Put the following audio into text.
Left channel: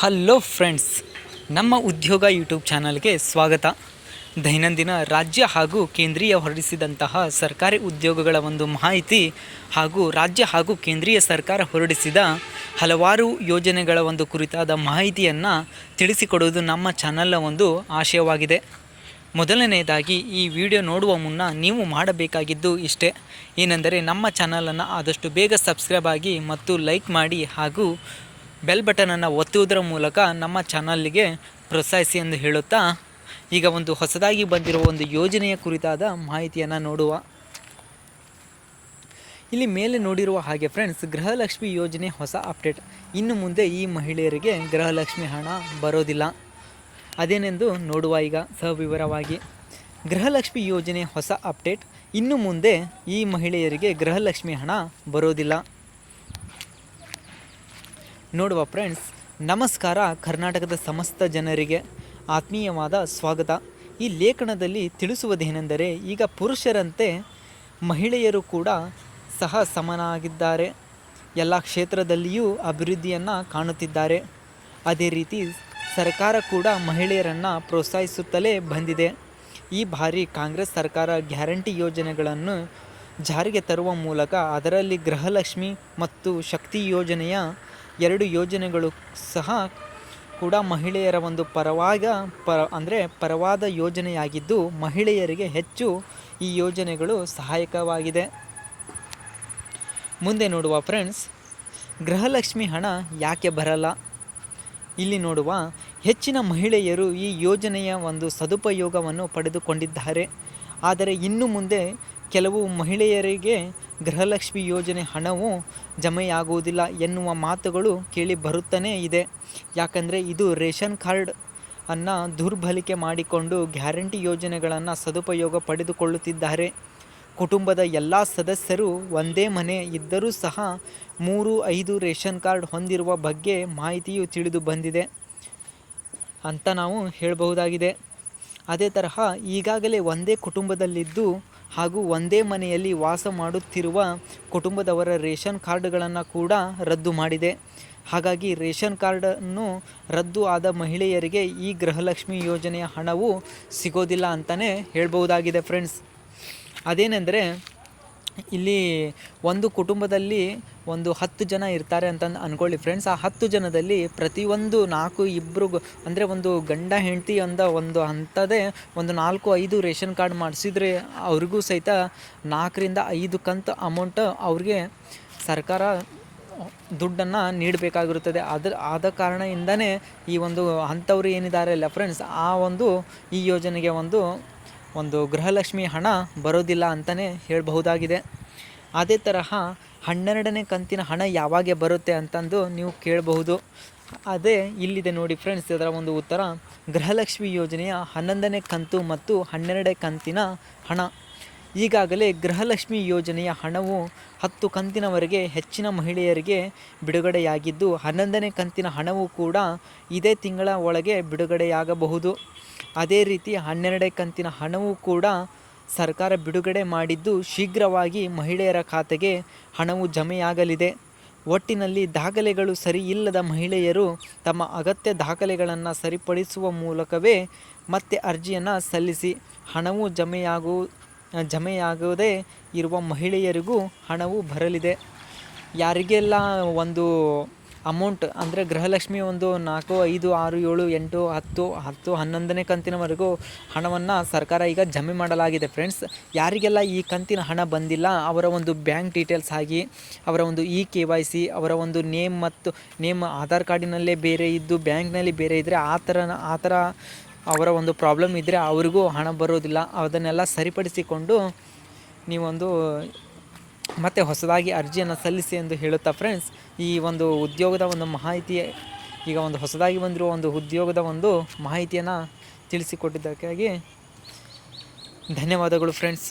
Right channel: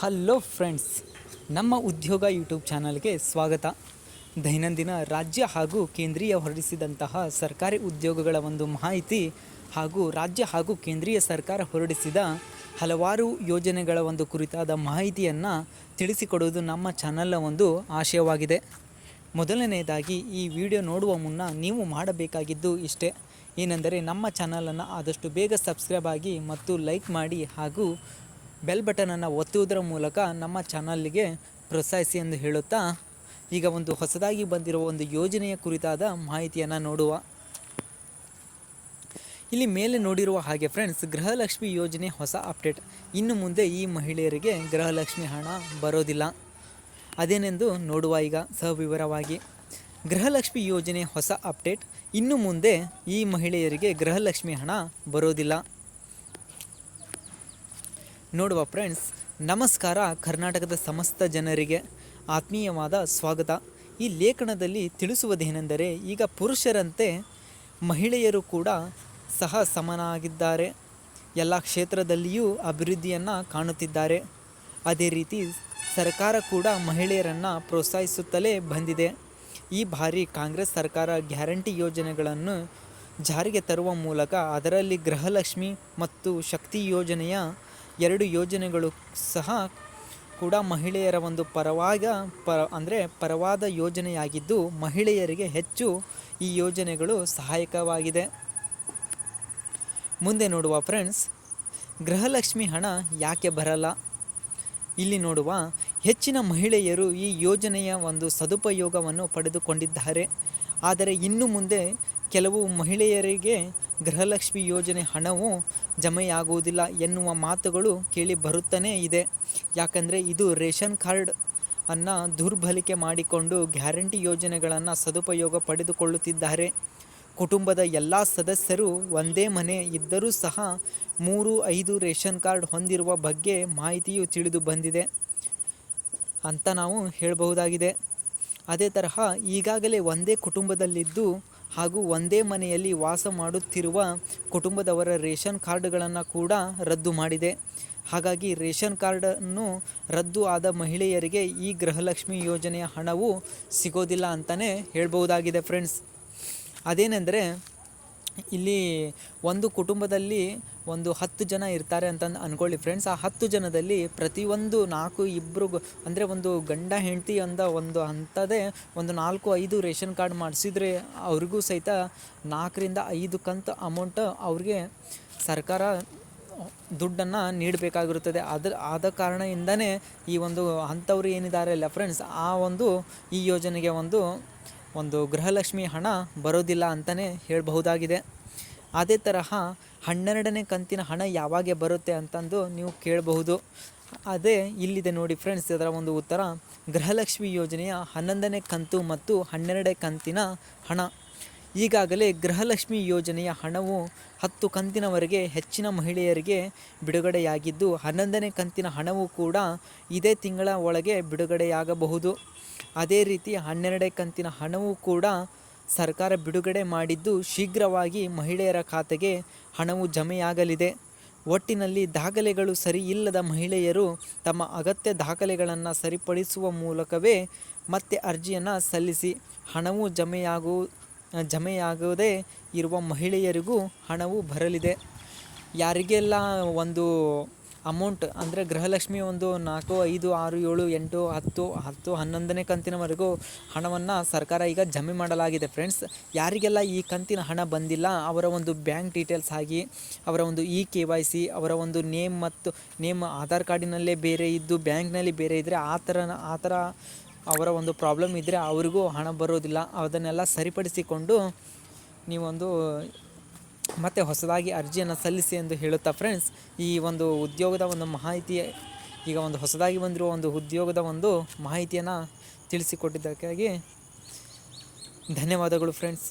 Hello friends, ನಮ್ಮ ಉದ್ಯೋಗ YouTube ಚಾನಲ್ಗೆ ಸ್ವಾಗತ. ದೈನಂದಿನ ರಾಜ್ಯ ಹಾಗೂ ಕೇಂದ್ರೀಯ ಹೊರಡಿಸಿದಂತಹ ಸರ್ಕಾರಿ ಉದ್ಯೋಗಗಳ ಒಂದು ಮಾಹಿತಿ ಹಾಗೂ ರಾಜ್ಯ ಹಾಗೂ ಕೇಂದ್ರೀಯ ಸರ್ಕಾರ ಹೊರಡಿಸಿದ ಹಲವಾರು ಯೋಜನೆಗಳ ಒಂದು ಕುರಿತಾದ ಮಾಹಿತಿಯನ್ನು ತಿಳಿಸಿಕೊಡುವುದು ನಮ್ಮ ಚಾನಲ್ನ ಒಂದು ಆಶಯವಾಗಿದೆ. ಮೊದಲನೆಯದಾಗಿ ಈ ವಿಡಿಯೋ ನೋಡುವ ಮುನ್ನ ನೀವು ಮಾಡಬೇಕಾಗಿದ್ದು ಇಷ್ಟೇ, ಏನೆಂದರೆ ನಮ್ಮ ಚಾನಲನ್ನು ಆದಷ್ಟು ಬೇಗ ಸಬ್ಸ್ಕ್ರೈಬ್ ಆಗಿ ಮತ್ತು ಲೈಕ್ ಮಾಡಿ ಹಾಗೂ ಬೆಲ್ ಬಟನನ್ನು ಒತ್ತುವುದರ ಮೂಲಕ ನಮ್ಮ ಚಾನಲ್ಗೆ ಪ್ರೋತ್ಸಾಹಿಸಿ ಎಂದು ಹೇಳುತ್ತಾ, ಈಗ ಒಂದು ಹೊಸದಾಗಿ ಬಂದಿರುವ ಒಂದು ಯೋಜನೆಯ ಕುರಿತಾದ ಮಾಹಿತಿಯನ್ನು ನೋಡುವ. ಇಲ್ಲಿ ಮೇಲೆ ನೋಡಿರುವ ಹಾಗೆ ಫ್ರೆಂಡ್ಸ್, ಗೃಹಲಕ್ಷ್ಮಿ ಯೋಜನೆ ಹೊಸ ಅಪ್ಡೇಟ್. ಇನ್ನು ಮುಂದೆ ಈ ಮಹಿಳೆಯರಿಗೆ ಗೃಹಲಕ್ಷ್ಮಿ ಹಣ ಬರೋದಿಲ್ಲ. ಅದೇನೆಂದು ನೋಡುವ ಈಗ ಸವಿವರವಾಗಿ. ಗೃಹಲಕ್ಷ್ಮಿ ಯೋಜನೆ ಹೊಸ ಅಪ್ಡೇಟ್. ಇನ್ನು ಮುಂದೆ ಈ ಮಹಿಳೆಯರಿಗೆ ಗೃಹಲಕ್ಷ್ಮಿ ಹಣ ಬರೋದಿಲ್ಲ. ನೋಡುವ ಫ್ರೆಂಡ್ಸ್, ನಮಸ್ಕಾರ. ಕರ್ನಾಟಕದ ಸಮಸ್ತ ಜನರಿಗೆ ಆತ್ಮೀಯವಾದ ಸ್ವಾಗತ. ಈ ಲೇಖನದಲ್ಲಿ ತಿಳಿಸುವುದೇನೆಂದರೆ, ಈಗ ಪುರುಷರಂತೆ ಮಹಿಳೆಯರು ಕೂಡ ಸಹ ಸಮನಾಗಿದ್ದಾರೆ. ಎಲ್ಲ ಕ್ಷೇತ್ರದಲ್ಲಿಯೂ ಅಭಿವೃದ್ಧಿಯನ್ನು ಕಾಣುತ್ತಿದ್ದಾರೆ. ಅದೇ ರೀತಿ ಸರ್ಕಾರ ಕೂಡ ಮಹಿಳೆಯರನ್ನು ಪ್ರೋತ್ಸಾಹಿಸುತ್ತಲೇ ಬಂದಿದೆ. ಈ ಬಾರಿ ಕಾಂಗ್ರೆಸ್ ಸರ್ಕಾರ ಗ್ಯಾರಂಟಿ ಯೋಜನೆಗಳನ್ನು ಜಾರಿಗೆ ತರುವ ಮೂಲಕ ಅದರಲ್ಲಿ ಗೃಹಲಕ್ಷ್ಮಿ ಮತ್ತು ಶಕ್ತಿ ಯೋಜನೆಯ ಎರಡು ಯೋಜನೆಗಳು ಸಹ ಕೂಡ ಮಹಿಳೆಯರ ಒಂದು ಪರವಾದ ಯೋಜನೆಯಾಗಿದ್ದು, ಮಹಿಳೆಯರಿಗೆ ಹೆಚ್ಚು ಈ ಯೋಜನೆಗಳು ಸಹಾಯಕವಾಗಿದೆ. ಮುಂದೆ ನೋಡುವ ಫ್ರೆಂಡ್ಸ್, ಗೃಹಲಕ್ಷ್ಮಿ ಹಣ ಯಾಕೆ ಬರಲ್ಲ? ಇಲ್ಲಿ ನೋಡುವ, ಹೆಚ್ಚಿನ ಮಹಿಳೆಯರು ಈ ಯೋಜನೆಯ ಒಂದು ಸದುಪಯೋಗವನ್ನು ಪಡೆದುಕೊಂಡಿದ್ದಾರೆ. ಆದರೆ ಇನ್ನು ಮುಂದೆ ಕೆಲವು ಮಹಿಳೆಯರಿಗೆ ಗೃಹಲಕ್ಷ್ಮಿ ಯೋಜನೆ ಹಣವು ಜಮೆಯಾಗುವುದಿಲ್ಲ ಎನ್ನುವ ಮಾತುಗಳು ಕೇಳಿ ಬರುತ್ತಲೇ ಇದೆ. ಯಾಕಂದರೆ ಇದು ರೇಷನ್ ಕಾರ್ಡ್ ಅನ್ನು ದುರ್ಬಳಕೆ ಮಾಡಿಕೊಂಡು ಗ್ಯಾರಂಟಿ ಯೋಜನೆಗಳನ್ನು ಸದುಪಯೋಗ ಪಡೆದುಕೊಳ್ಳುತ್ತಿದ್ದಾರೆ. ಕುಟುಂಬದ ಎಲ್ಲ ಸದಸ್ಯರು ಒಂದೇ ಮನೆ ಇದ್ದರೂ ಸಹ 3-5 ರೇಷನ್ ಕಾರ್ಡ್ ಹೊಂದಿರುವ ಬಗ್ಗೆ ಮಾಹಿತಿಯು ತಿಳಿದು ಬಂದಿದೆ ಅಂತ ನಾವು ಹೇಳಬಹುದಾಗಿದೆ. ಅದೇ ತರಹ ಈಗಾಗಲೇ ಒಂದೇ ಕುಟುಂಬದಲ್ಲಿದ್ದು ಹಾಗೂ ಒಂದೇ ಮನೆಯಲ್ಲಿ ವಾಸ ಮಾಡುತ್ತಿರುವ ಕುಟುಂಬದವರ ರೇಷನ್ ಕಾರ್ಡ್ಗಳನ್ನು ಕೂಡ ರದ್ದು ಮಾಡಿದೆ. ಹಾಗಾಗಿ ರೇಷನ್ ಕಾರ್ಡನ್ನು ರದ್ದು ಆದ ಮಹಿಳೆಯರಿಗೆ ಈ ಗೃಹಲಕ್ಷ್ಮಿ ಯೋಜನೆಯ ಹಣವು ಸಿಗೋದಿಲ್ಲ ಅಂತಲೇ ಹೇಳ್ಬಹುದಾಗಿದೆ ಫ್ರೆಂಡ್ಸ್. ಅದೇನೆಂದರೆ, ಇಲ್ಲಿ ಒಂದು ಕುಟುಂಬದಲ್ಲಿ ಒಂದು 10 ಜನ ಇರ್ತಾರೆ ಅಂತ ಅಂದ್ಕೊಳ್ಳಿ ಫ್ರೆಂಡ್ಸ್. ಆ 10 ಜನದಲ್ಲಿ ಪ್ರತಿಯೊಂದು 4-2 ಅಂದರೆ ಒಂದು ಗಂಡ ಹೆಂಡತಿ ಒಂದು ಅಂಥದ್ದೇ ಒಂದು 4-5 ರೇಷನ್ ಕಾರ್ಡ್ ಮಾಡಿಸಿದ್ರೆ ಅವ್ರಿಗೂ ಸಹಿತ 4-5 ಕಂತು ಅಮೌಂಟ್ ಅವ್ರಿಗೆ ಸರ್ಕಾರ ದುಡ್ಡನ್ನು ನೀಡಬೇಕಾಗಿರುತ್ತದೆ. ಆದ ಕಾರಣದಿಂದನೇ ಈ ಒಂದು ಅಂಥವ್ರು ಏನಿದ್ದಾರೆ ಅಲ್ಲ ಫ್ರೆಂಡ್ಸ್, ಈ ಯೋಜನೆಗೆ ಒಂದು ಗೃಹಲಕ್ಷ್ಮಿ ಹಣ ಬರೋದಿಲ್ಲ ಅಂತಲೇ ಹೇಳಬಹುದಾಗಿದೆ. ಅದೇ ತರಹ 12ನೇ ಕಂತಿನ ಹಣ ಯಾವಾಗ ಬರುತ್ತೆ ಅಂತಂದು ನೀವು ಕೇಳಬಹುದು. ಅದೇ ಇಲ್ಲಿದೆ ನೋಡಿ ಫ್ರೆಂಡ್ಸ್, ಇದರ ಒಂದು ಉತ್ತರ. ಗೃಹಲಕ್ಷ್ಮಿ ಯೋಜನೆಯ 11ನೇ ಕಂತು ಮತ್ತು 12ನೇ ಕಂತಿನ ಹಣ. ಈಗಾಗಲೇ ಗೃಹಲಕ್ಷ್ಮಿ ಯೋಜನೆಯ ಹಣವು 10 ಕಂತಿನವರೆಗೆ ಹೆಚ್ಚಿನ ಮಹಿಳೆಯರಿಗೆ ಬಿಡುಗಡೆಯಾಗಿದ್ದು, 11ನೇ ಕಂತಿನ ಹಣವು ಕೂಡ ಇದೇ ತಿಂಗಳ ಒಳಗೆ ಬಿಡುಗಡೆಯಾಗಬಹುದು. ಅದೇ ರೀತಿ 12ನೇ ಕಂತಿನ ಹಣವೂ ಕೂಡ ಸರ್ಕಾರ ಬಿಡುಗಡೆ ಮಾಡಿದ್ದು, ಶೀಘ್ರವಾಗಿ ಮಹಿಳೆಯರ ಖಾತೆಗೆ ಹಣವು ಜಮೆಯಾಗಲಿದೆ. ಒಟ್ಟಿನಲ್ಲಿ ದಾಖಲೆಗಳು ಸರಿ ಇಲ್ಲದ ಮಹಿಳೆಯರು ತಮ್ಮ ಅಗತ್ಯ ದಾಖಲೆಗಳನ್ನು ಸರಿಪಡಿಸುವ ಮೂಲಕವೇ ಮತ್ತೆ ಅರ್ಜಿಯನ್ನು ಸಲ್ಲಿಸಿ ಹಣವು ಜಮೆಯಾಗದೇ ಇರುವ ಮಹಿಳೆಯರಿಗೂ ಹಣವು ಬರಲಿದೆ. ಯಾರಿಗೆಲ್ಲ ಒಂದು ಅಮೌಂಟ್ ಅಂದರೆ ಗೃಹಲಕ್ಷ್ಮಿ 4, 5, 6, 7, 8, 10, 11ನೇ ಕಂತಿನವರೆಗೂ ಹಣವನ್ನು ಸರ್ಕಾರ ಈಗ ಜಮೆ ಮಾಡಲಾಗಿದೆ ಫ್ರೆಂಡ್ಸ್. ಯಾರಿಗೆಲ್ಲ ಈ ಕಂತಿನ ಹಣ ಬಂದಿಲ್ಲ, ಅವರ ಒಂದು ಬ್ಯಾಂಕ್ ಡೀಟೇಲ್ಸ್ ಆಗಿ ಅವರ ಒಂದು KYC, ಅವರ ಒಂದು ನೇಮ್ ಆಧಾರ್ ಕಾರ್ಡಿನಲ್ಲೇ ಬೇರೆ ಇದ್ದು ಬ್ಯಾಂಕ್ನಲ್ಲಿ ಬೇರೆ ಇದ್ದರೆ ಆ ಥರ ಅವರ ಒಂದು ಪ್ರಾಬ್ಲಮ್ ಇದ್ದರೆ ಅವರಿಗೂ ಹಣ ಬರೋದಿಲ್ಲ. ಅದನ್ನೆಲ್ಲ ಸರಿಪಡಿಸಿಕೊಂಡು ನೀವೊಂದು ಮತ್ತೆ ಹೊಸದಾಗಿ ಅರ್ಜಿಯನ್ನು ಸಲ್ಲಿಸಿ ಎಂದು ಹೇಳುತ್ತಾ ಫ್ರೆಂಡ್ಸ್, ಈ ಒಂದು ಉದ್ಯೋಗದ ಒಂದು ಮಾಹಿತಿ, ಈಗ ಒಂದು ಹೊಸದಾಗಿ ಬಂದಿರುವ ಒಂದು ಉದ್ಯೋಗದ ಒಂದು ಮಾಹಿತಿಯನ್ನು ತಿಳಿಸಿಕೊಟ್ಟಿದ್ದಕ್ಕಾಗಿ ಧನ್ಯವಾದಗಳು ಫ್ರೆಂಡ್ಸ್.